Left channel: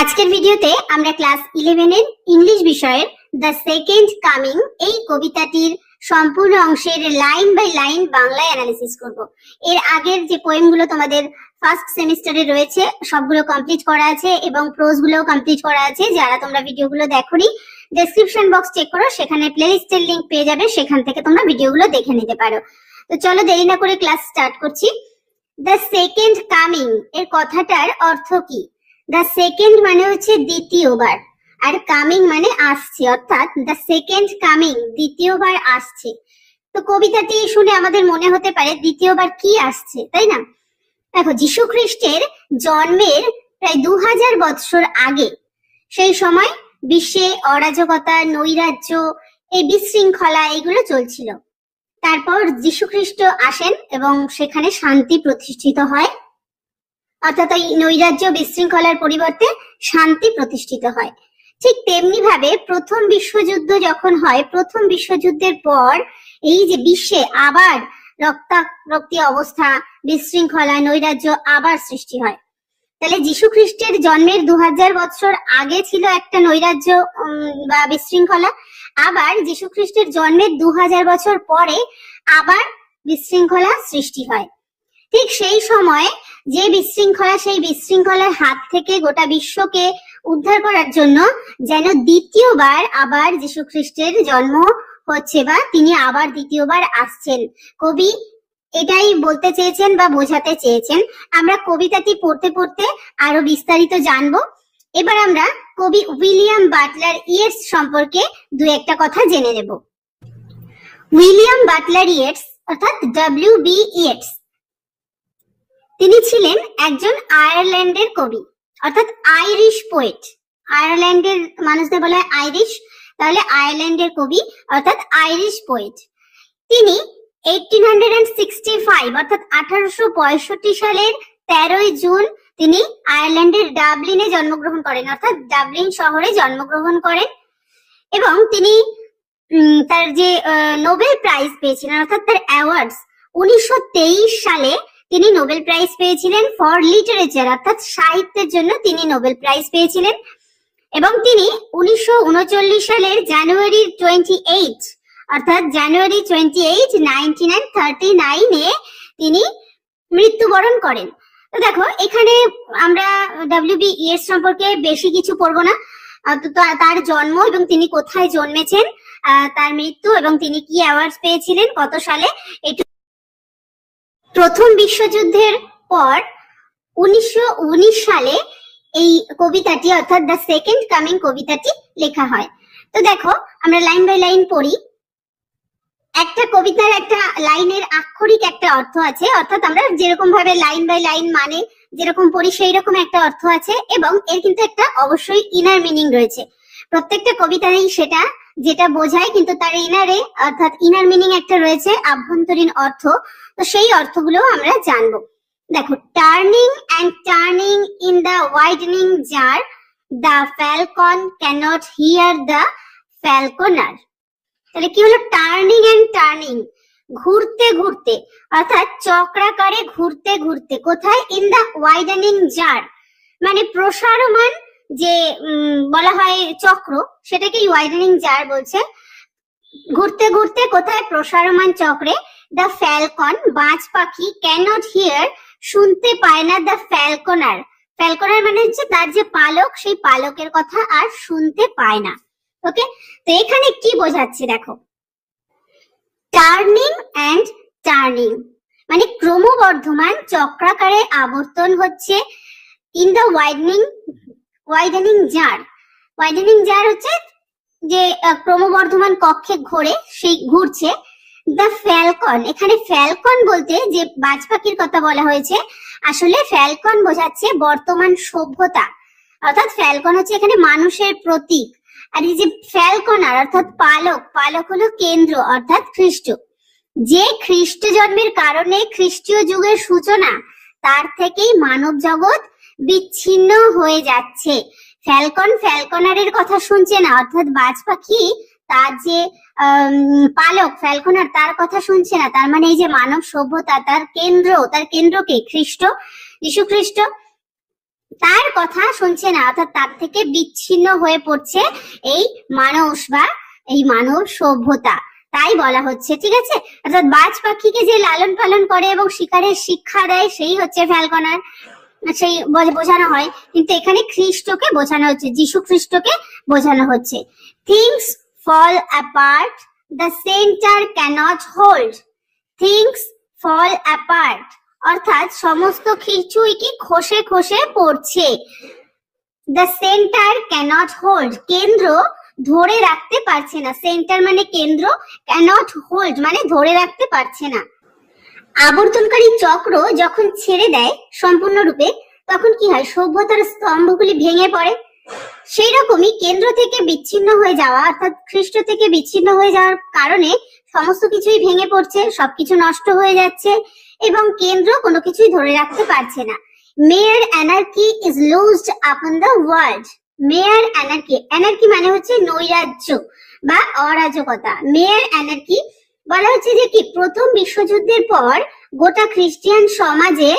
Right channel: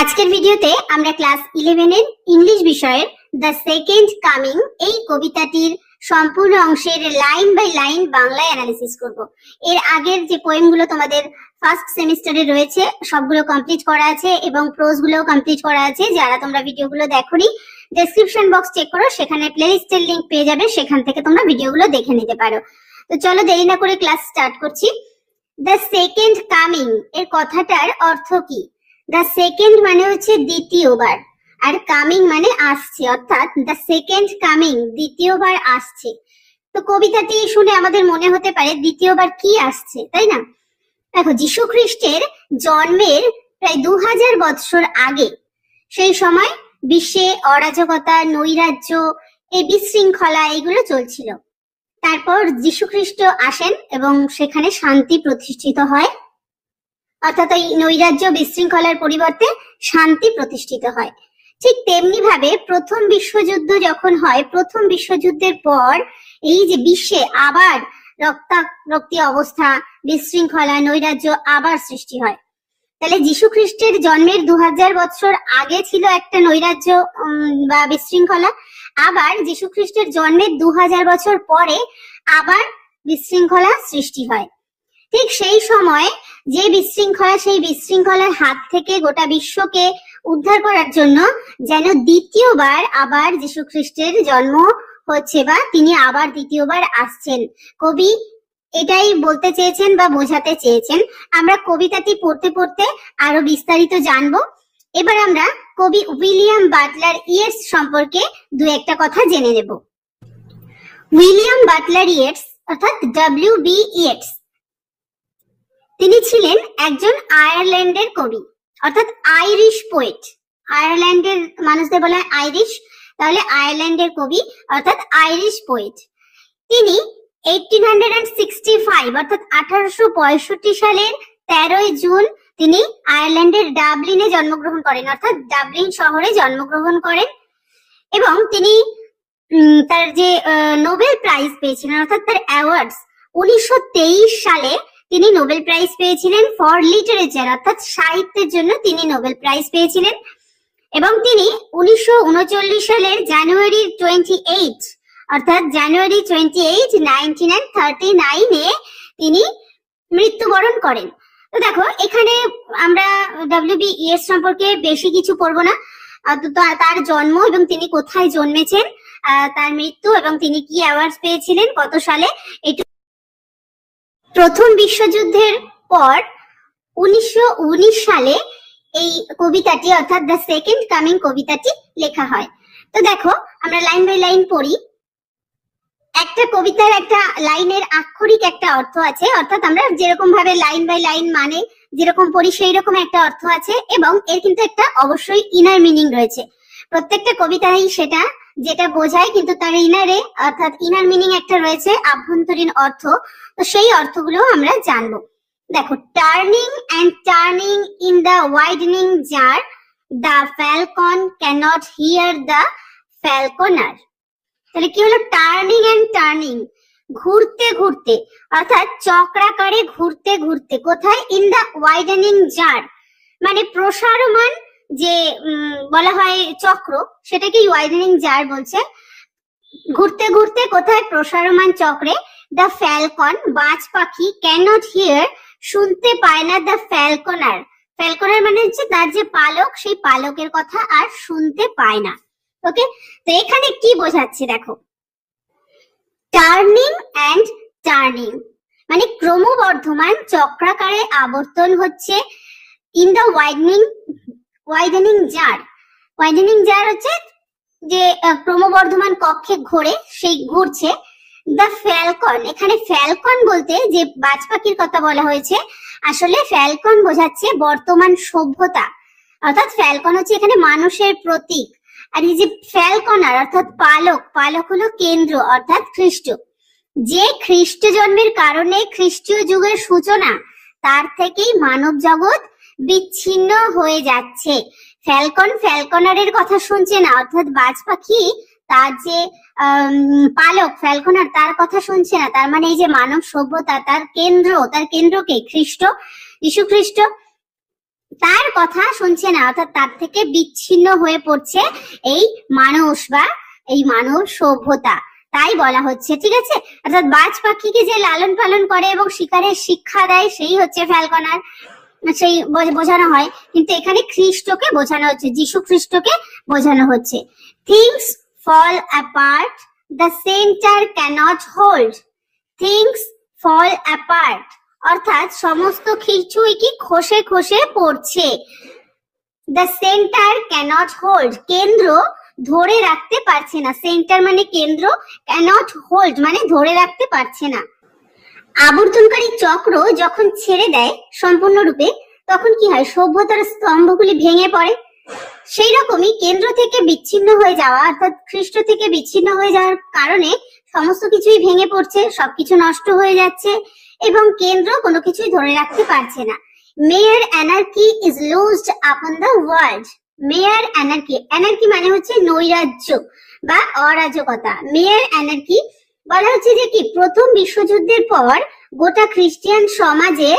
আজকের ভিডিওতে আমরা ক্লাস 11 এর ইংলিশ বিষয়ের দ্য সেকেন্ড কামিং এই কবিতাটির সম্পূর্ণ অংশের লাইন বাই লাইন বাংলায় অ্যানালিসিস করব। এর আগের যে পোয়েমগুলো তোমাদের ফার্স্ট সেমিস্টারে রয়েছে সবগুলো কমপ্লিট করা আছে এবং প্রোজ গুলোও কমপ্লিট করা আছে। যারা তোমরা ভিডিওগুলো দেখোনি, ডেসক্রিপশন বক্স চেক করো, সেখানে প্লেলিস্টের লিংক পেয়ে যাবে, সেখান থেকে তোমরা ভিডিওগুলো দেখে নিতে পারো। তো চলো দেরি না করে ক্লাস স্টার্ট করছি। দ্য সেকেন্ড কামিং এর কথাটার অর্থ কি? দ্য সেকেন্ড মানে হচ্ছে দ্বিতীয়বার, আর কামিং মানে আসছে, অর্থাৎ দ্য সেকেন্ড কামিং দ্বিতীয়বার আসছে। তো কবিতাটি শুনে আমাদের মনে হতে পারে দ্বিতীয়বার কি আসছে, তাই না? দেখো, যীশু খ্রিস্টের জন্মের প্রায় 2000 বৎসর আগে, সেই সময় বিশ্বে অরাজকতা, নৈরাজ্য, এই বিশৃঙ্খলা এগুলো চলছিল। তারপর যীশু খ্রিস্ট আসেন এবং সেখানে শান্তি প্রতিষ্ঠিত হয়, অর্থাৎ এই নৈরাজ্য বিশৃঙ্খলার পরিবর্তে শান্তি প্রতিষ্ঠিত হয়। ঠিক তেমনি ভাবে প্রথম বিশ্বযুদ্ধ যখন হয়, প্রথম বিশ্বযুদ্ধের পর এই যে বিশ্বে আবার রক্তারক্তি অবস্থা, বিশৃঙ্খলা, নৈরাজ্য আবার সৃষ্টি হয়। তাহলে যীশু খ্রিস্টের জন্মের 2000 বছর আগে ছিল একটা নৈরাজ্য বা বিশৃঙ্খলা, আবার যীশু খ্রিস্টের জন্মের 2000 বছর পরে আবার বিশৃঙ্খলা সৃষ্টি হয়। ঠিক সেই সময় যে বিশৃঙ্খলা, সেই বিশৃঙ্খলার হাত থেকে গোটা বিশ্বকে উদ্ধার করার জন্য যেন দ্বিতীয়বার আবার যীশু খ্রিস্টের জন্ম হচ্ছে, বা তিনি আবার দ্বিতীয়বার আসছেন। কবি এটাই বলতে চেয়েছেন বা বোঝাতে চেয়েছেন। আমরা কবিতাটি পড়তে পড়তে আরো বিস্তারিত জানবো। এবার আমরা কবি উইলিয়াম বাটলার ইয়েটস সম্পর্কে দু একটা কথা জেনে নেব। উইলিয়াম বাটলার ইয়েটস অর্থাৎ ডব্লিউ.বি. ইয়েটস, তিনি ছিলেন একজন আয়ারল্যান্ডের কবি, অর্থাৎ আইরিশ পোয়েট। আয়ারল্যান্ডের মানুষদের বলা হয় আইরিশ, তাহলে আয়ারল্যান্ডের কবি অর্থাৎ আইরিশ পোয়েট। তিনি 1865 অর্থাৎ 1865 সালের 13 জুন তিনি আয়ারল্যান্ডের ডাবলিনে জন্মগ্রহণ করেন, অর্থাৎ ডাবলিন শহরে জন্মগ্রহণ করেন। এবং তিনি তার যে নোবেল প্রাইজ পেয়েছিলেন, অর্থাৎ তার অ্যাওয়ার্ডস, 1923 সালে তিনি নোবেল প্রাইজ পেয়েছিলেন ফর লিটারেচার, অর্থাৎ সাহিত্যের জন্য তিনি নোবেল প্রাইজ পেয়েছিলেন। এবং তিনি 1939 সালের জানুয়ারি 28 অর্থাৎ জানুয়ারি 28, 1939 তিনি মৃত্যুবরণ করেন। তো দেখো, এখানে আমরা ডব্লিউ.বি. ইয়েটস সম্পর্কে বেশি কিছু পড়বো না। তার জন্ম এবং তিনি কোথায় জন্মেছেন, তার মৃত্যু এবং তিনি কি অ্যাওয়ার্ডস পেয়েছিলেন কত সালে, এটুকু। প্রথম বিশ্বযুদ্ধের পর 1919 সালে এই কবিতাটি অর্থাৎ দ্য সেকেন্ড কামিং কবিতাটি লেখা হয়। তো দেখো, আমরা লাইন বাই লাইন পড়ি। একটা কবিতার একটা লাইনের আক্ষরিক একটা অর্থ আছে, অর্থাৎ আমরা যেরকম ভাবে লাইন বাই লাইন মানে যেরকম পড়ি সেই রকম একটা অর্থ আছে, এবং এর কিন্তু একটা অবশ্যই ইনার মিনিং রয়েছে। প্রত্যেকটা কবিতায় সেটা যেটা বোঝায়, কিন্তু তার ইনারে অর্থাৎ ইনার মিনিং একটা রয়েছে, আভ্যন্তরীণ অর্থ। তো সেই অর্থগুলো আমরা জানবো। দেখো, turning and turning in the widening gyre, the falcon cannot hear the falconer. তাহলে কি হলো? টার্নিং এন্ড টার্নিং, ঘুরতে ঘুরতে, অর্থাৎ চক্রাকারে ঘুরতে ঘুরতে। কোথায়? ইন দা ওয়াইডেনিং জার, মানে প্রসারমান যে বলা হয় চক্র, সেটাকে ওয়াইডেনিং জার বলছে। ঘুরতে ঘুরতে কোথায়? প্রসারমান চক্রে। দা ফ্যালকন, বাজ পাখি, ক্যানট হিয়ার, শুনতে পায় না। দা ফ্যালকনার, ফ্যালকনার মানে হচ্ছে তার যে পালক, সেই পালকের কথা আর শুনতে পায় না। ওকে, তো এখানে কি বোঝাচ্ছে দেখো, টার্নিং অ্যান্ড টার্নিং মানে ক্রমবর্ধমান চক্রাকারে আবর্তন হচ্ছে। In the widening gyre, widening gyre হচ্ছে যে ক্রমবর্ধমান কক্ষে ঘোরে, সেই ঘুরছে। দা ফ্যালকন, এখানে ফ্যালকন বলতে যে বাজ পাখির কথা বলা হয়েছে, আসলে ফ্যালকন বোঝাচ্ছে বর্তমান সভ্যতা, অর্থাৎ ফ্যালকন হচ্ছে এখানে মানুষের প্রতীক। আর এই যে ফ্যালকনার অর্থাৎ পালক, পালক হলো কেন্দ্র অর্থাৎ খ্রিস্ট। যে খ্রিস্ট জন্মের কারণে খ্রিস্টীয় যুগের সূচনা, তার থেকেই মানব জগৎ বিচ্ছিন্ন হয়ে যাচ্ছে। ফ্যালকন ফ্যালকনারের কথা শুনছে না, অর্থাৎ বাজ পাখি তার যে পালক ফ্যালকনার তার কথা শুনছে না। তার মানে এই যে মানব সভ্যতা, তার কেন্দ্রকে খ্রিস্ট, যীশু খ্রিস্ট। তার কথা শুনছে না, অর্থাৎ তার থেকে বিচ্ছিন্ন হয়ে পড়ছে এই মানুষ বা এই মানব সভ্যতা। তাই বলা হচ্ছে, ঠিক আছে। অর্থাৎ বাজ পাখিকে যে লালন পালন করে এবং শিকারের শিক্ষা দেয় সেই হচ্ছে ফ্যালকনার, সেই বোঝানো হয়। কিন্তু এখানে খ্রিস্টকে বোঝানো হচ্ছে, যিশু খ্রিস্টকে বোঝানো হচ্ছে। Things fall apart, the centre cannot hold. Things fall apart অর্থাৎ সমস্ত কিছুই কি খসে খসে পড়ছে। দ্য সেন্টার ক্যানট হোল্ড কেন্দ্র ধরে রাখতে পারছে না। সেন্টার মানে কেন্দ্র, ক্যানট হোল্ড মানে ধরে রাখতে পারছে না। আবর্তনকারী চক্র যখন ছেড়ে দেয় সম্পূর্ণরূপে, তখন কি হয়? সভ্যতার স্তম্ভগুলি ভেঙে পড়ে। সেই রকমই কেন্দ্র থেকে বিচ্ছিন্ন হয়ে যাওয়া, অর্থাৎ খ্রিস্ট থেকে বিচ্ছিন্ন হয়ে যাওয়ার কারণে সমস্ত কিছুই ভেঙে পড়ছে, সবকিছু নষ্ট হয়ে যাচ্ছে এবং কেন্দ্র কোনো কিছুই ধরে রাখতে পারছে না। মেয়ার anarchy is loosed upon the world. Mere anarchy, anarchy মানে হচ্ছে নৈরাজ্য বা অরাজকতা। মেয়ার অ্যানার্কি বলা হচ্ছে যে কি প্রথম বিশ্বযুদ্ধের পর গোটা খ্রিস্টিয়ান সমাজে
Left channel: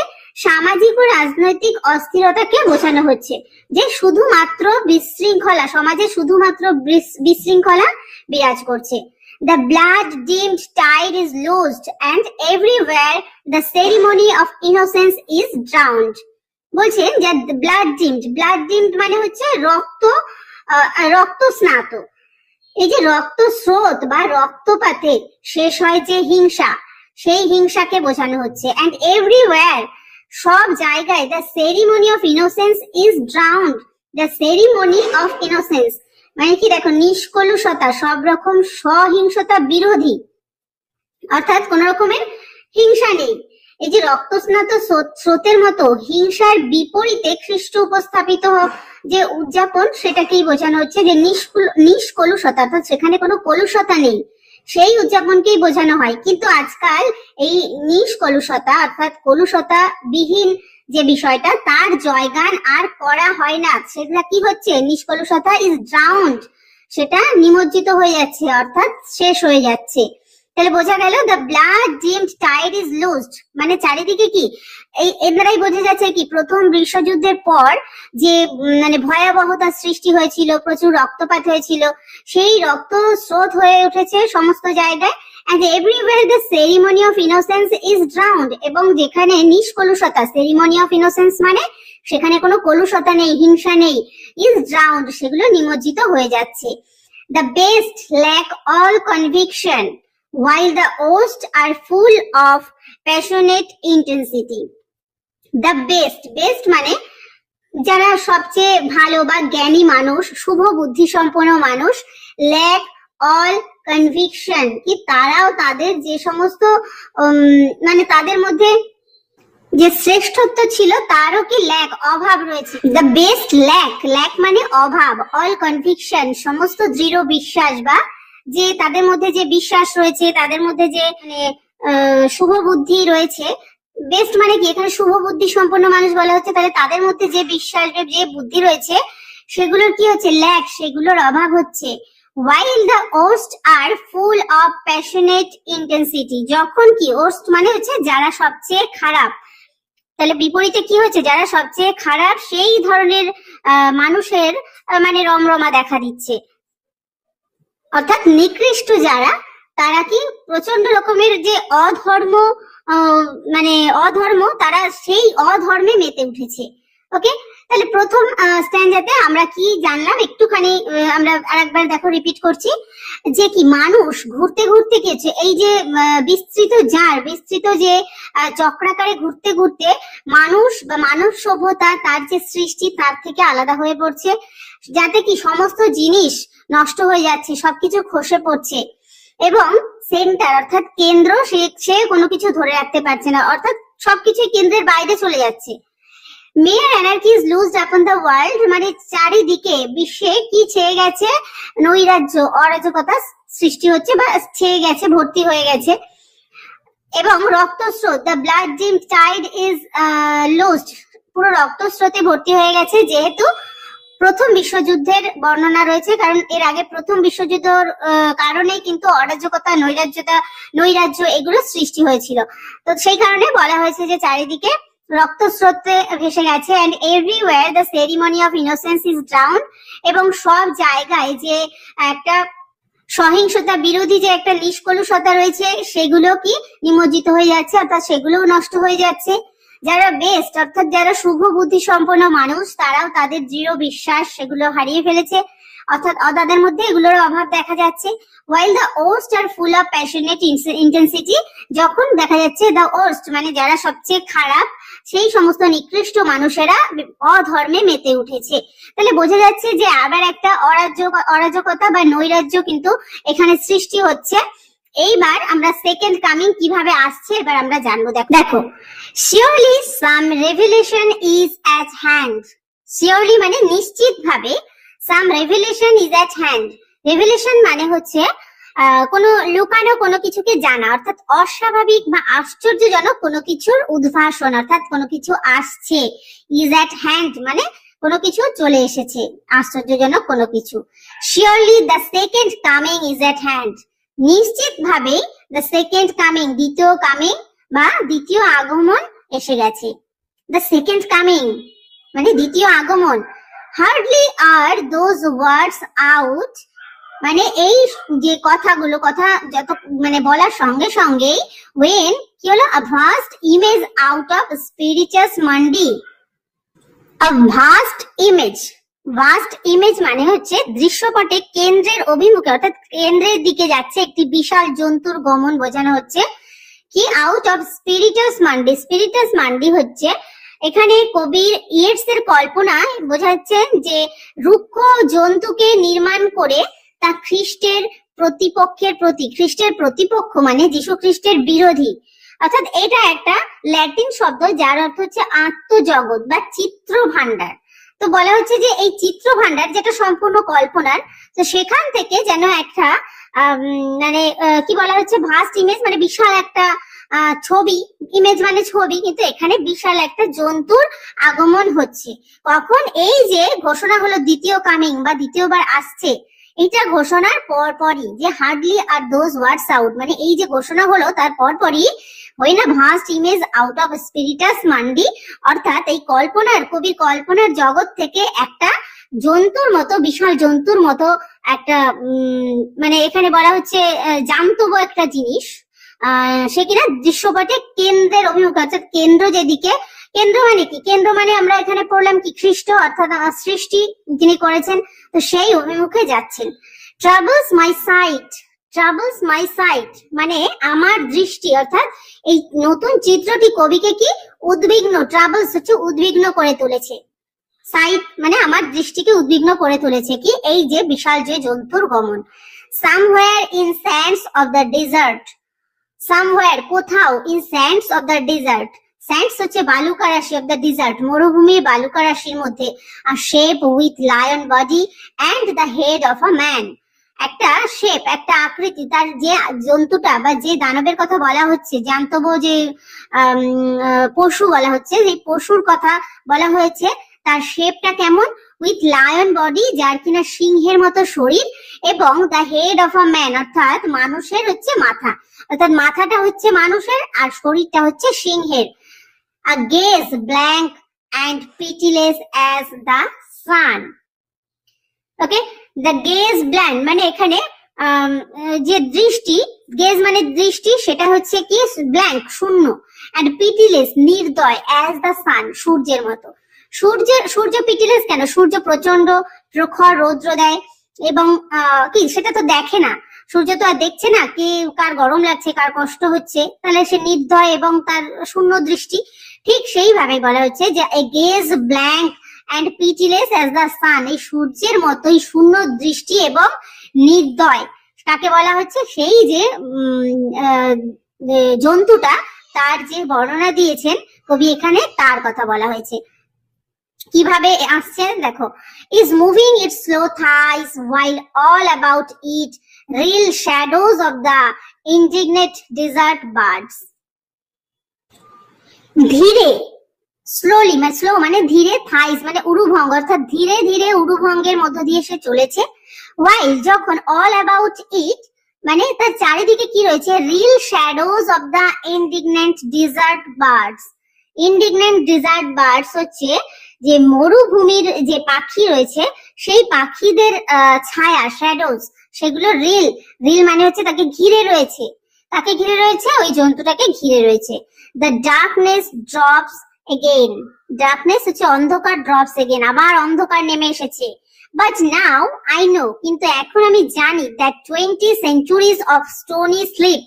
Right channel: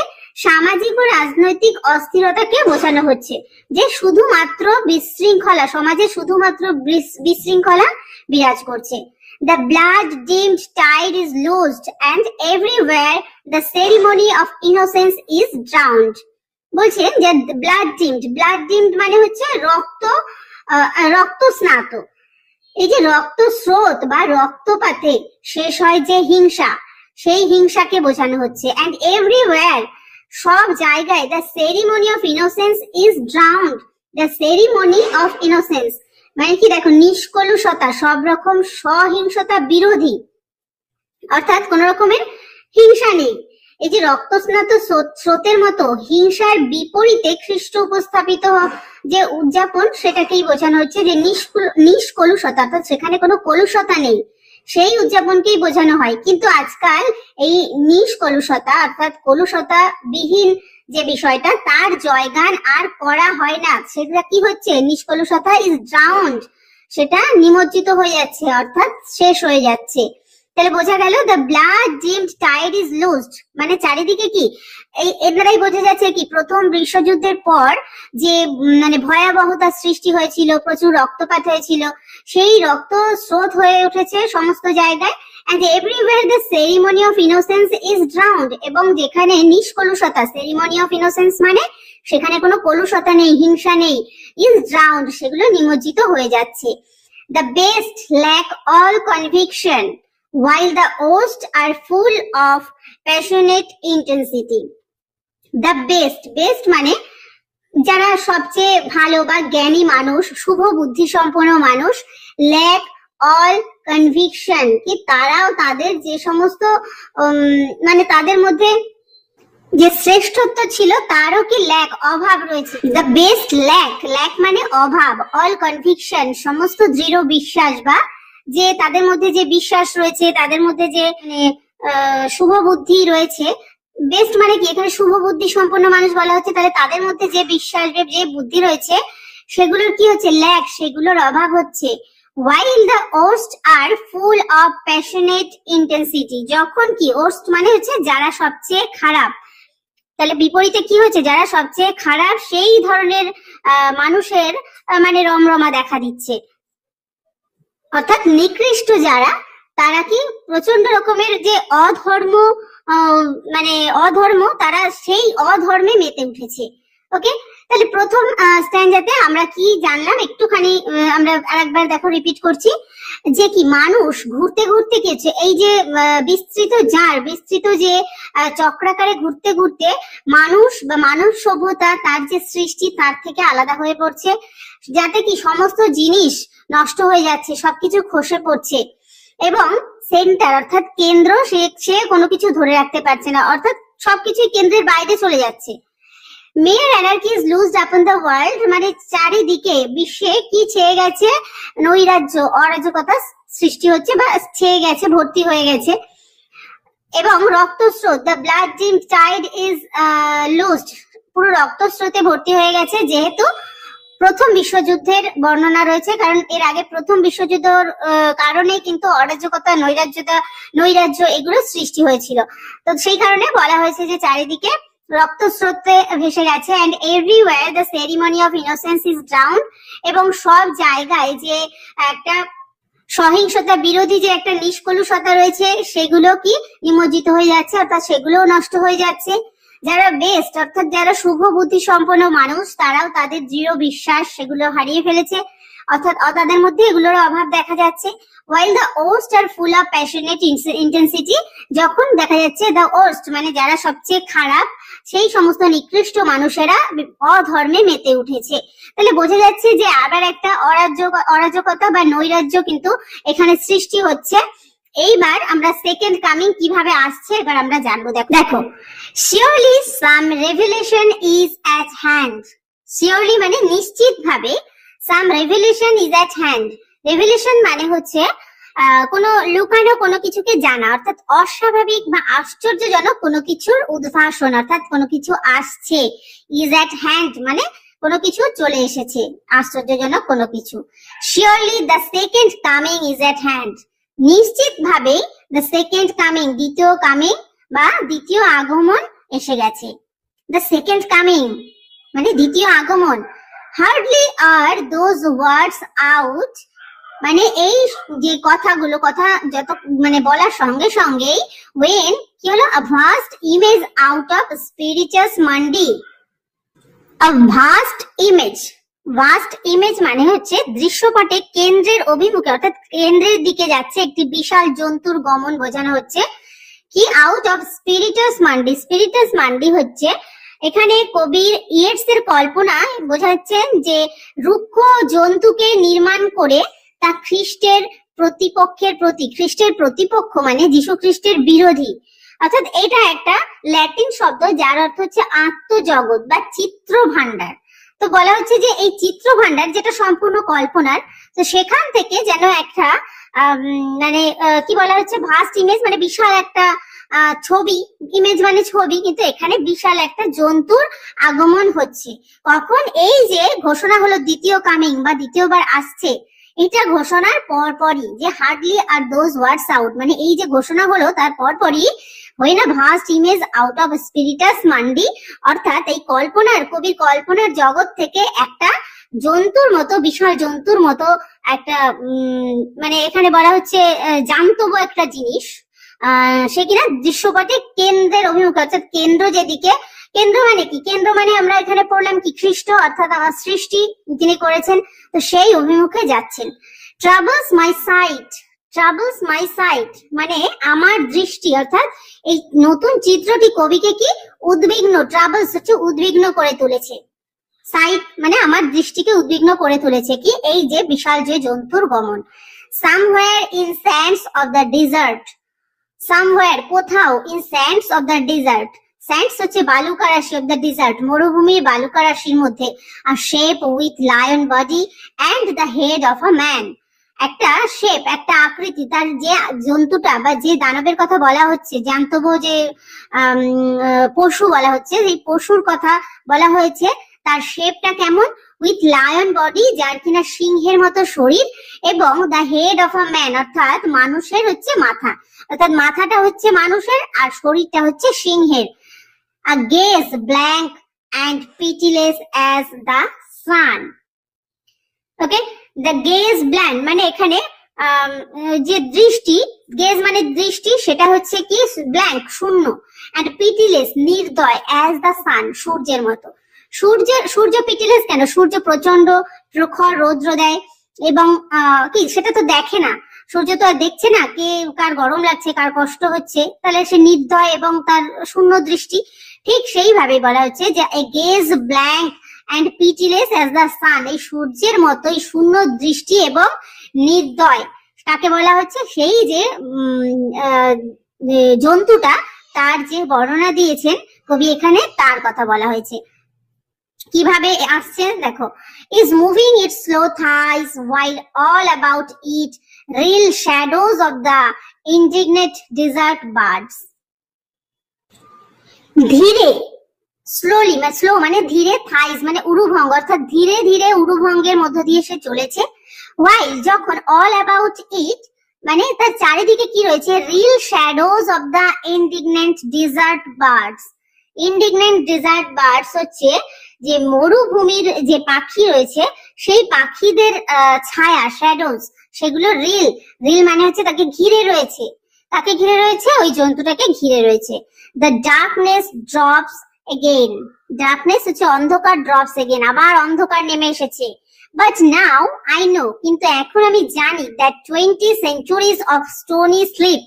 সামাজিক ও রাজনৈতিক অস্থিরতাকে বোঝানো হচ্ছে, যে শুধুমাত্র বিশৃঙ্খলা, সমাজে শুধুমাত্র বিশৃঙ্খলা বিরাজ করছে। The blood dimmed tide is loosed and everywhere the ceremony of innocence is drowned. বলছেন যে ব্লাড ডিমড, ব্লাড ডিমড মানে হচ্ছে রক্ত স্নাত। এই যে রক্ত স্রোত বা রক্তপাতে শেষ হয় যে হিংসা, সেই হিংসাকে বোঝানো হচ্ছে। and everywhere সব জায়গায় the ceremony of innocence is drowned. The ceremony of innocence মানে কি দেখো, নিষ্কলুষতা, সব রকম সহিংসতা বিরোধী, অর্থাৎ কোন রকমের হিংসা নেই। এই যে রক্তস্নাত স্রোতের মতো হিংসার বিপরীতে খ্রিস্ট উপস্থাপিত যে উদযাপন, সেটাকেই বোঝানো হচ্ছে যে নিষ্কলুষতা, অর্থাৎ সেখানে কোনো কলুষতা নেই, সেই উদযাপনকেই বোঝানো হয়। কিন্তু আজকাল এই নিষ্কলুষতা অর্থাৎ কলুষতা বিহীন যে বিষয়টা, তার জয়গান আর করা হয় না। সেটা কি হচ্ছে? নিষ্কলুষতা ইজ ড্রাউন্ড, সেটা নিমজ্জিত হয়ে যাচ্ছে, অর্থাৎ শেষ হয়ে যাচ্ছে। তাহলে বোঝা গেল the blood dimmed tide is loosed মানে চারিদিকে কি, এর দ্বারাই বোঝা যাচ্ছে কি প্রথম বিশ্বযুদ্ধের পর যে মানে ভয়াবহতার সৃষ্টি হয়েছিল, প্রচুর রক্তপাত হয়েছিল, সেই রক্ত স্রোত হয়ে উঠেছে সমস্ত জায়গায়। and everywhere the ceremony of innocence is drowned, এবং যেখানে নিষ্কলুষতা, ceremony of innocence মানে সেখানে কোনো কলুষতা নেই, হিংসা নেই, is drowned সেগুলো নিমজ্জিত হয়ে যাচ্ছে। the best lack all conviction while the worst are full of passionate intensity. the best মানে যারা সবচেয়ে ভালো বা জ্ঞানী মানুষ, শুভ বুদ্ধি সম্পন্ন মানুষ, lack all conviction কি তারাও তাদের যে সমস্ত মানে তাদের মধ্যে যে শ্রেষ্ঠত্ব ছিল তারও কি ল্যাক, অভাব রয়েছে। দ্য বেস্ট ল্যাক মানে অভাব, অল কনভিকশন সমস্ত দৃঢ় বিশ্বাস বা যে তাদের মধ্যে যে বিশ্বাস রয়েছে, তাদের মধ্যে যে শুভ বুদ্ধি রয়েছে। বেস্ট মানে কি, এখানে শুভ বুদ্ধি সম্পন্ন মানুষ বলা হচ্ছে, তাহলে তাদের মধ্যে যে বিশ্বাস যে বুদ্ধি রয়েছে সেগুলোর কি হচ্ছে? ল্যাক, সেগুলোর অভাব হচ্ছে। while the worst are full of passionate intensity, যখন কি worst মানে হচ্ছে যারা সবচেয়ে খারাপ, তাহলে বিপরীতে কি হচ্ছে? যারা সবচেয়ে খারাপ সেই ধরনের মানুষের মানে রমরমা দেখা দিচ্ছে, অর্থাৎ নিকৃষ্ট যারা, তারা কি প্রচন্ড রকমের যে অধর্ম মানে অধর্ম, তারা সেই অধর্মে মেতে উঠেছে। ওকে, তাহলে প্রথম স্ট্যান্ডাতে আমরা কি জানলাম একটুখানি আমরা আরেকবার দেখো রিপিট করছি, যে কি মানুষ ঘুরতে ঘুরতে গেছে, এই যে বিস্তৃত যে চক্রাকারে ঘুরতে ঘুরতে মানুষ বা মানব সভ্যতা তার যে সৃষ্টি তার থেকে আলাদা হয়ে পড়ছে, যাতে কি সমস্ত জিনিস নষ্ট হয়ে যাচ্ছে, সবকিছু খসে পড়ছে এবং সেন্টার অর্থাৎ কেন্দ্র সে কোনো কিছু ধরে রাখতে পারছে না, অর্থাৎ সবকিছুই কেন্দ্রের বাইরে চলে যাচ্ছে। মেয়ার anarchy is loosed upon the world মানে চারিদিকে বিশ্বে কি ছেয়ে গেছে? নৈরাজ্য, অরাজকতা সৃষ্টি হচ্ছে বা ছেয়ে গেছে, ভর্তি হয়ে গেছে। এবং রক্তস্রোত, the blood dimmed tide is loosed পুরো রক্তস্রোতে ভর্তি হয়ে গেছে, যেহেতু প্রথম বিশ্বযুদ্ধের বর্ণনা রয়েছে, কারণ এর আগে প্রথম বিশ্বযুদ্ধের কারণে কিন্তু অরাজকতা, নৈরাজ্য এগুলো সৃষ্টি হয়েছিল। তো সেই কারণে বলা হয়েছে যে চারিদিকে রক্তস্রোতে ভেসে গেছে। And everywhere the ceremony of innocence is down, এবং সব জায়গায় যে একটা সহিংসতা বিরোধী যে একটা নিষ্কলুষতা রয়েছে সেগুলো কি নিমজ্জিত হয়ে যাচ্ছে, অর্থাৎ সেগুলোও নষ্ট হয়ে যাচ্ছে। যারা বেস্ট অর্থাৎ যারা শুভ বুদ্ধি সম্পন্ন মানুষ তারাও তাদের দৃঢ় বিশ্বাস সেগুলো হারিয়ে ফেলেছে, অর্থাৎ তাদের মধ্যে এগুলোর অভাব দেখা যাচ্ছে। while the host are full of passionate intensity, যখন দেখা যাচ্ছে the host মানে যারা সবচেয়ে খারাপ সেই সমস্ত নিকৃষ্ট মানুষেরা অধর্মে মেতে উঠেছে। তাহলে বোঝা যাচ্ছে যে আবার একটা অরাজকতা বা নৈরাজ্য কিন্তু এখানে সৃষ্টি হচ্ছে। এইবার আমরা সেকেন্ড কামিং কিভাবে আসছে এবার আমরা জানবো। দেখো, surely some revelation is at hand, surely মানে নিশ্চিত ভাবে, some revelation is at hand, revelation মানে হচ্ছে কোনো লুকানো কোনো কিছুকে জানা, অর্থাৎ অস্বাভাবিক বা আশ্চর্যজনক কোনো কিছুর উদ্ভাসন, অর্থাৎ কোনো কিছু আসছে। is at hand মানে কোনো কিছু চলে এসেছে, আশ্চর্যজনক কোনো কিছু। surely the second coming is at hand, নিশ্চিত ভাবে the second coming দ্বিতীয় কামিং বা দ্বিতীয় আগমন এসে গেছে। the second coming মানে দ্বিতীয় আগমন। hardly are those words out, মানে এই যে কথাগুলো কথা যত মানে বলার সঙ্গে সঙ্গেই when কি হলো a vast image out of spiritus mundi, a vast image, vast image মানে হচ্ছে দৃশ্যপটে কেন্দ্রের অভিমুখে অর্থাৎ কেন্দ্রের দিকে যাচ্ছে একটি বিশাল জন্তুর গমন বোঝানো হচ্ছে। কি আউট অফ স্পিরিটাস মান্ডি, স্পিরিটাস মান্ডি হচ্ছে এখানে কবির ইয়েটস এর কল্পনায় বোঝাচ্ছেন যে রুক্ষ জন্তুকে নির্মাণ করে তা খ্রিস্টের প্রতিপক্ষের প্রতি, খ্রিস্টের প্রতিপক্ষ মানে যীশু খ্রিস্টের বিরোধী, অর্থাৎ এটা একটা ল্যাটিন শব্দ যার অর্থ হচ্ছে আত্মজগৎ বা চিত্র ভান্ডার। তো বলা হচ্ছে যে এই চিত্র ভান্ডার যেটা সম্পূর্ণ কল্পনার, তো সেখান থেকে যেন একটা মানে কি বলা হচ্ছে ভাস্ট ইমেজ মানে বিশাল একটা ছবি, ইমেজ মানে ছবি, কিন্তু এখানে বিশাল একটা জন্তুর আগমন হচ্ছে। কখন? এই যে ঘোষণা হলো দ্বিতীয় কামিং বা দ্বিতীয়বার আসছে, এটা ঘোষণার পরপরই যে hardly are those words out মানে এই যে ঘোষণা হলো তার পরপরই when a vast image out of spiritus mundi, অর্থাৎ এই কল্পনার কবির কল্পনার জগৎ থেকে একটা জন্তুর মতো বিশাল জন্তুর মতো একটা মানে এখানে বলা হচ্ছে জান্তব একটা জিনিস সে কিনা দৃশ্যপটে কেন্দ্রের অভিমুখে, অর্থাৎ কেন্দ্র যেদিকে, কেন্দ্র মানে কি, কেন্দ্র মানে আমরা এখানে পড়লাম কি খ্রিস্ট অর্থাৎ সৃষ্টি যিনি করেছেন, তো সেই অভিমুখে যাচ্ছেন। troubles my sight, troubles my sight মানে আমার দৃষ্টি, অর্থাৎ এই নতুন চিত্রটি কবিকে কি উদ্বিগ্ন, troubles হচ্ছে উদ্বিগ্ন করে তুলেছে, সাইট মানে আমার দৃষ্টিকে উদ্বিগ্ন করে তুলেছে কি এই যে বিশাল যে জন্তুর গমন। somewhere in sands of the desert, somewhere কোথাও, in sands of the desert, sands হচ্ছে বালুকা রাশি, of the desert মরুভূমির বালুকা রাশির মধ্যে, a shape with lion body and the head of a man, একটা শেপ একটা আকৃতি, তার যে জন্তুটা বা যে দানবের কথা বলা হচ্ছে, জান্তব যে পশু বলা হচ্ছে, সেই পশুর কথা বলা হয়েছে, তার শেপটা কেমন, উইথ লায়ন বডি যার কিনা সিংহের মতো শরীর, এবং the head of a man অর্থাৎ মানুষের হচ্ছে মাথা, অর্থাৎ মাথাটা হচ্ছে মানুষের আর শরীরটা হচ্ছে সিংহের। A gaze blank and pitiless as the sun. Okay, the gaze blank মানে এখানে যে দৃষ্টি, গেজ মানে দৃষ্টি, সেটা হচ্ছে কি ব্ল্যাঙ্ক শূন্য, অ্যান্ড পিটিলেস নির্দয়, অ্যাজ দ্য সান সূর্যের মতো। সূর্য পিটিলেস কেন? সূর্য প্রচন্ড প্রখর রৌদ্র দেয় এবং কি সেটা তো দেখে না, সূর্য তো আর দেখছে না কে কার গরম লাগছে কার কষ্ট হচ্ছে, তাহলে সে নির্দয় এবং তার শূন্য দৃষ্টি। ঠিক সেইভাবে বলা হচ্ছে যে a gaze blank and pitiless as the sun, এই সূর্যের মতোই শূন্য দৃষ্টি এবং নির্দয় কাকে বলা হচ্ছে? সেই যে জন্তুটা তার যে বর্ণনা দিয়েছেন কবি এখানে তার কথা বলা হয়েছে। কিভাবে আসছেন দেখো, is moving its slow thighs while all about it real shadows of the indignant desert birds, ধীরে স্লোলি মানে স্লো মানে ধীরে, থাইস মানে উরুভঙ্গ অর্থাৎ ধীরে ধীরে উরুভঙ্গের মধ্য দিয়ে সে চলেছে, while যখন all about it মানে তার চারিদিকে কি রয়েছে, reel shadows of the indignant desert birds, indignant desert birds হচ্ছে যে মরুভূমির যে পাখি রয়েছে সেই পাখিদের ছায়া শ্যাডোজ সেগুলো রিল রিল মানে হচ্ছে তাকে ঘিরে রয়েছে, তাকে ঘিরে রয়েছে, ওই জন্তুটাকে ঘিরে রয়েছে। The darkness drops again, darkness হচ্ছে অন্ধকার, ড্রপস এগেইন আবার অন্ধকার নেমে এসেছে। বাট নাও আই নো, কিন্তু এখন আমি জানি that 20 centuries of stony sleep,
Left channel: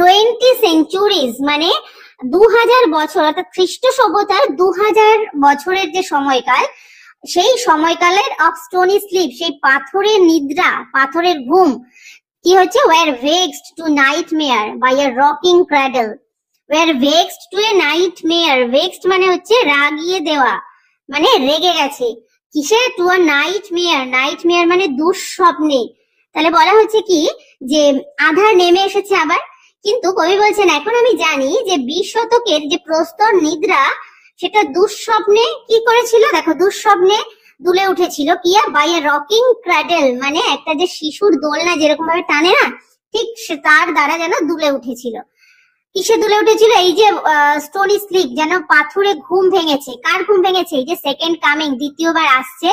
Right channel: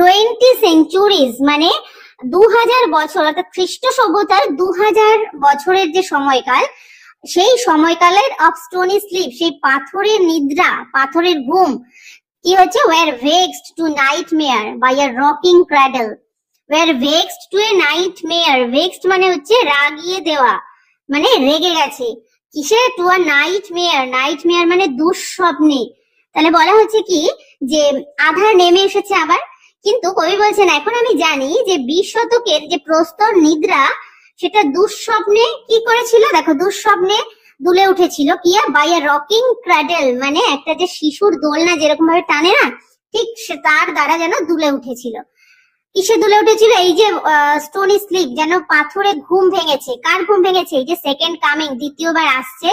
20 centuries মানে 2000 বছর, অর্থাৎ খ্রিস্ট সভ্যতার 2000 বছরের যে সময়কাল, সেই সময়কালের অফ স্টোনি স্লিপ, সেই পাথরের নিদ্রা, পাথরের ঘুম কি হচ্ছে, were vexed to nightmare by a rocking cradle, were vexed to a nightmare, vexed মানে হচ্ছে রাগিয়ে দেওয়া, মানে রেগে গেছে কিসে, টু আ নাইটমেয়ার, নাইটমেয়ার মানে দুঃস্বপ্নে। তাহলে বলা হচ্ছে কি যে আধার নেমে এসেছে আবার। কিন্তু কবি বলছেন এখন আমি জানি যে 20 শতকের যে প্রস্তর নিদ্রা সেটা দুঃস্বপ্নে কি করেছিল, দেখো দুঃস্বপ্নে দুলে উঠেছিল কি, বাই আ রকিং ক্র্যাডেল মানে একটা যে শিশুর দোলনা যেরকম ভাবে টানে না, ঠিক তার দ্বারা যেন দুলে উঠেছিল। কিসে দুলে উঠেছিল, এই যে স্টোনি স্লিপ, যেন পাথরে ঘুম ভেঙেছে। কার ঘুম ভেঙেছে, এই যে সেকেন্ড কামিং, দ্বিতীয়বার আসছে,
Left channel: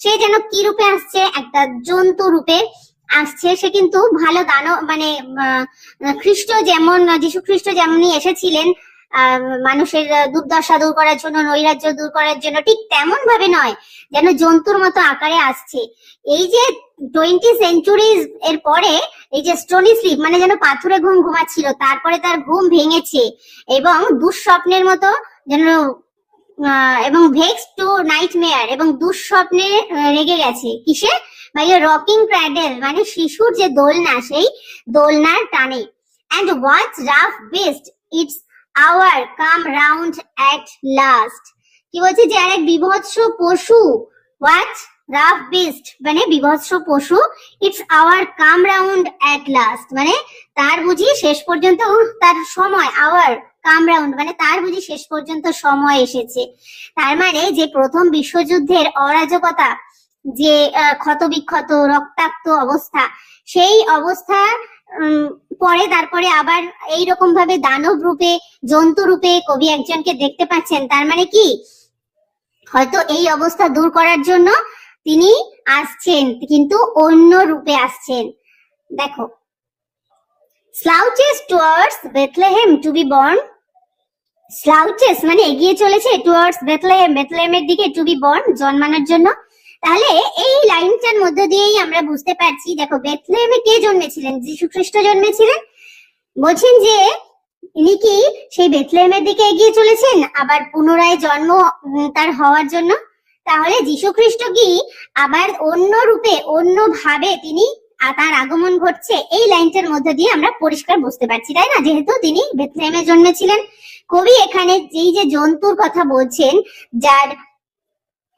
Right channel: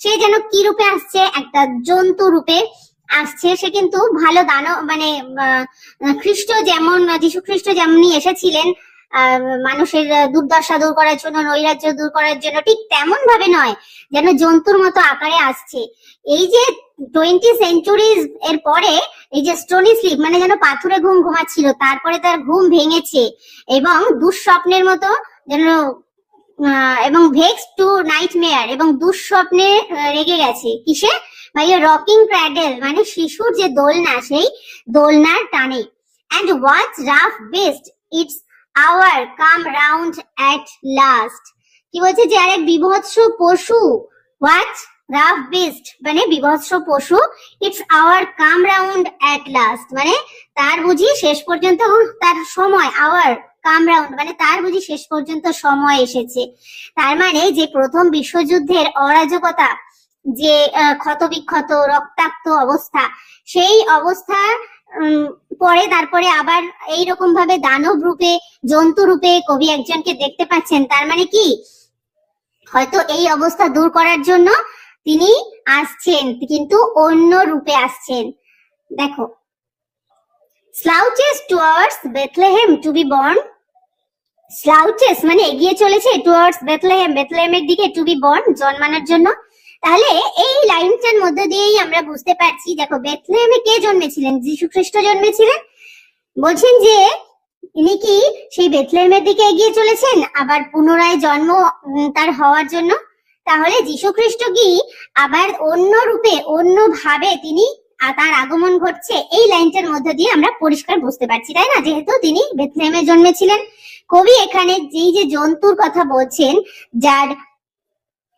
সে যেন কি রূপে আসছে, একটা জন্তু রূপে আসছে। সে কিন্তু ভালো দানব মানে খ্রিস্ট যেমন, যীশু খ্রিস্ট যেমনি এসেছিলেন মানুষের দুর্দশা দূর করার জন্য, নৈরাজ্য দূর করার জন্য, ঠিক তেমন ভাবে নয়, যেন জন্তুর মতো আকারে আসছে। এই যে 20 centuries এর পরে এই যে স্টোনি স্লিপ মানে যেন পাথরে ঘুম ঘুমাচ্ছিল, তারপরে তার ঘুম ভেঙেছে এবং দুঃস্বপ্নের মতো যেন, এবং ভেক্স টু নাইটমেয়ার এবং দুঃস্বপ্নে রেগে গেছে কিসে, বাই এ রকিং ক্র্যাডেল মানে শিশুর যে দোলনা, সেই দোলনার টানে। And what rough beast its hour come round at last, কি বলছে যে আরেক বিভৎস পশু, হোয়াট রাফ বেস্ট মানে বিভৎস পশু, its hour come round at last মানে তার বুঝি শেষ পর্যন্ত তার সময়, আওয়ার কাম রাউন্ড মানে তার বুঝি শেষ পর্যন্ত সময় এসেছে। তার মানে যে প্রথম বিশ্বযুদ্ধের অরাজকতা, যে ক্ষতবিক্ষত রক্তাক্ত অবস্থা, সেই অবস্থা পরে তারপরে আবার এইরকম ভাবে দানব রূপে, জন্তু রূপে কবি একজনকে দেখতে পাচ্ছেন। তার মানে কি, হয়তো এই অবস্থা দূর করার জন্য তিনি আসছেন, কিন্তু অন্য রূপে আসছেন। দেখো, slouches towards Bethlehem to be born, slouches মানে এগিয়ে চলেছে, towards Bethlehem, বেথলেহেমের দিকে, to be born জন্মানোর জন্য। তাহলে এই লাইনটার মধ্যে দিয়েই আমরা বুঝতে পারছি, দেখো বেথলেহেমে কে জন্মেছিলেন, যীশু খ্রিস্ট জন্মেছিলেন। বলছেন যে ইনি কি সেই বেথলেহেমের দিকে এগিয়ে চলেছেন আবার পুনরায় জন্ম তার হওয়ার জন্য। তাহলে যীশু খ্রিস্ট কি আবার অন্য রূপে, অন্য ভাবে তিনি তার আগমন ঘটছে, এই লাইনটার মধ্যে দিয়ে আমরা পরিষ্কার বুঝতে পারছি, তাই না, যেহেতু তিনি বেথলেহেমে জন্মেছিলেন। কবি এখানে যেই যে জন্তুর কথা বলছেন, যার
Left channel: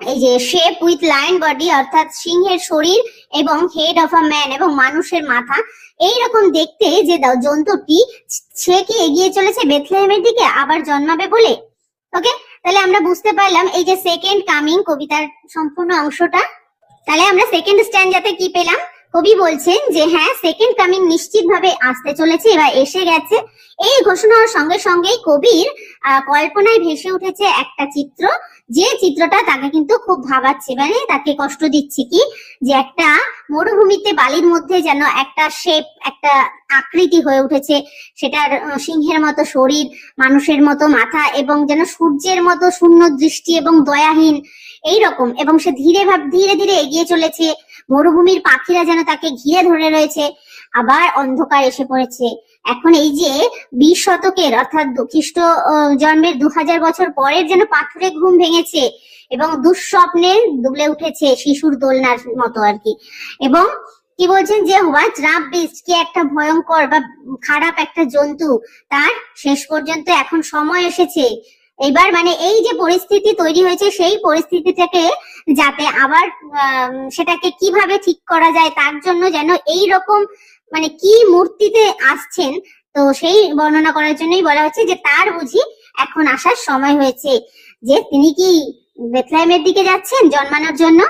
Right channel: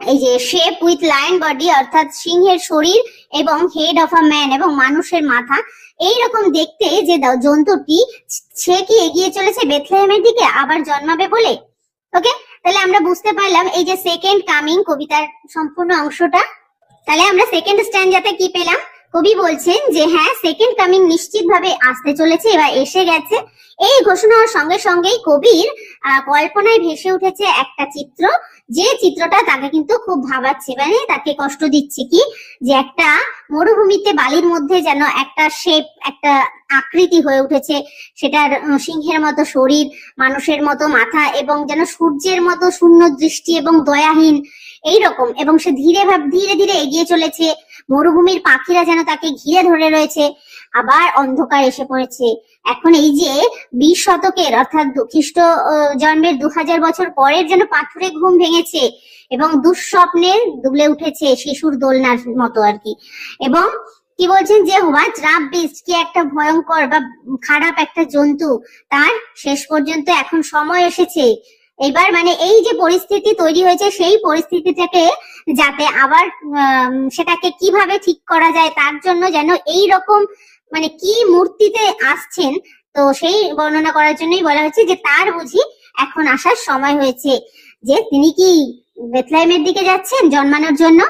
এই যে শেপ উইথ লায়ন বডি অর্থাৎ সিংহের শরীর এবং হেড অফ আ ম্যান এবং মানুষের মাথা, এইরকম দেখতে যে জন্তুটি, সে কি এগিয়ে চলেছে বেথলেহেমের দিকে আবার জন্মাবে বলে। ওকে, তাহলে আমরা বুঝতে পারলাম এই যে সেকেন্ড কামিং কবিতার সম্পূর্ণ অংশটা। তাহলে আমরা সেকেন্ড স্ট্যান্ডাতে কি পেলাম, কবি বলছেন যে হ্যাঁ সেকেন্ড কামিং নিশ্চিত ভাবে আসতে চলেছে, এবার এসে গেছে। এই ঘোষণার সঙ্গে সঙ্গেই কবির কল্পনায় ভেসে উঠেছে একটা চিত্র, যে চিত্রটা তাকে কিন্তু খুব ভাবাচ্ছে, মানে তাকে কষ্ট দিচ্ছে কি, যে একটা মরুভূমিতে বালির মধ্যে যেন একটা শেপ, একটা আকৃতি হয়ে উঠেছে, সেটার সিংহের মতো শরীর, মানুষের মতো মাথা এবং যেন সূর্যের মতো শূন্য দৃষ্টি এবং দয়াহীন এইরকম, এবং সে ধীরে ধীরে এগিয়ে চলেছে। মরুভূমির পাখিরা যেন তাকে ঘিরে ধরে রয়েছে, আবার অন্ধকার এসে পড়েছে। এখন এই যে 20 শতকের অর্থাৎ খ্রিস্ট জন্মের 2000 বছর পরের যেন পাথরে ঘুম ভেঙেছে এবং দুঃস্বপ্নে দুলে উঠেছে শিশুর দোলনার মতো আর কি। এবং কি বলছেন যে হোয়াট রাফ বিস্ট, কি একটা ভয়ঙ্কর বা খারাপ একটা জন্তু, তার শেষ পর্যন্ত এখন সময় এসেছে। এবার মানে এই যে পরিস্থিতি তৈরি হয়েছে, সেই পরিস্থিতিটাকে যাতে আবার সেটাকে কিভাবে ঠিক করা যায়, তার জন্য যেন এই রকম মানে কি মূর্তিতে আসছেন, তো সেই বর্ণনা করার জন্যই বলা হচ্ছে যে তার বুঝি এখন আসার সময় হয়েছে, যে তিনি কি বেথলেহেমের দিকে যাচ্ছেন জন্মানোর জন্য,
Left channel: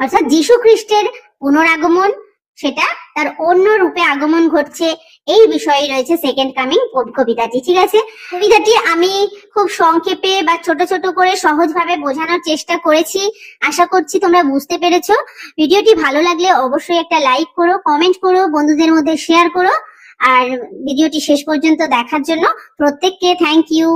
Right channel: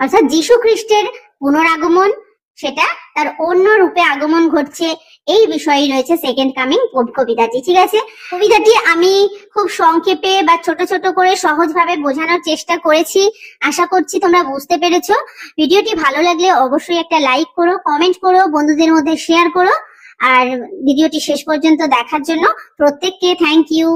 অর্থাৎ যীশু খ্রিস্টের পুনরাগমন, সেটা তার অন্য রূপে আগমন ঘটছে। এই বিষয়ে রয়েছে সেকেন্ড কামিং কবিতাটি। ঠিক আছে, কবিতাটি আমি খুব সংক্ষেপে বা ছোট ছোট করে সহজভাবে বোঝানোর চেষ্টা করেছি। আশা করছি তোমরা বুঝতে পেরেছো। ভিডিওটি ভালো লাগলে অবশ্যই একটা লাইক করো, কমেন্ট করো, বন্ধুদের মধ্যে শেয়ার করো। আর ভিডিওটি শেষ পর্যন্ত দেখার জন্য প্রত্যেককে থ্যাংক ইউ।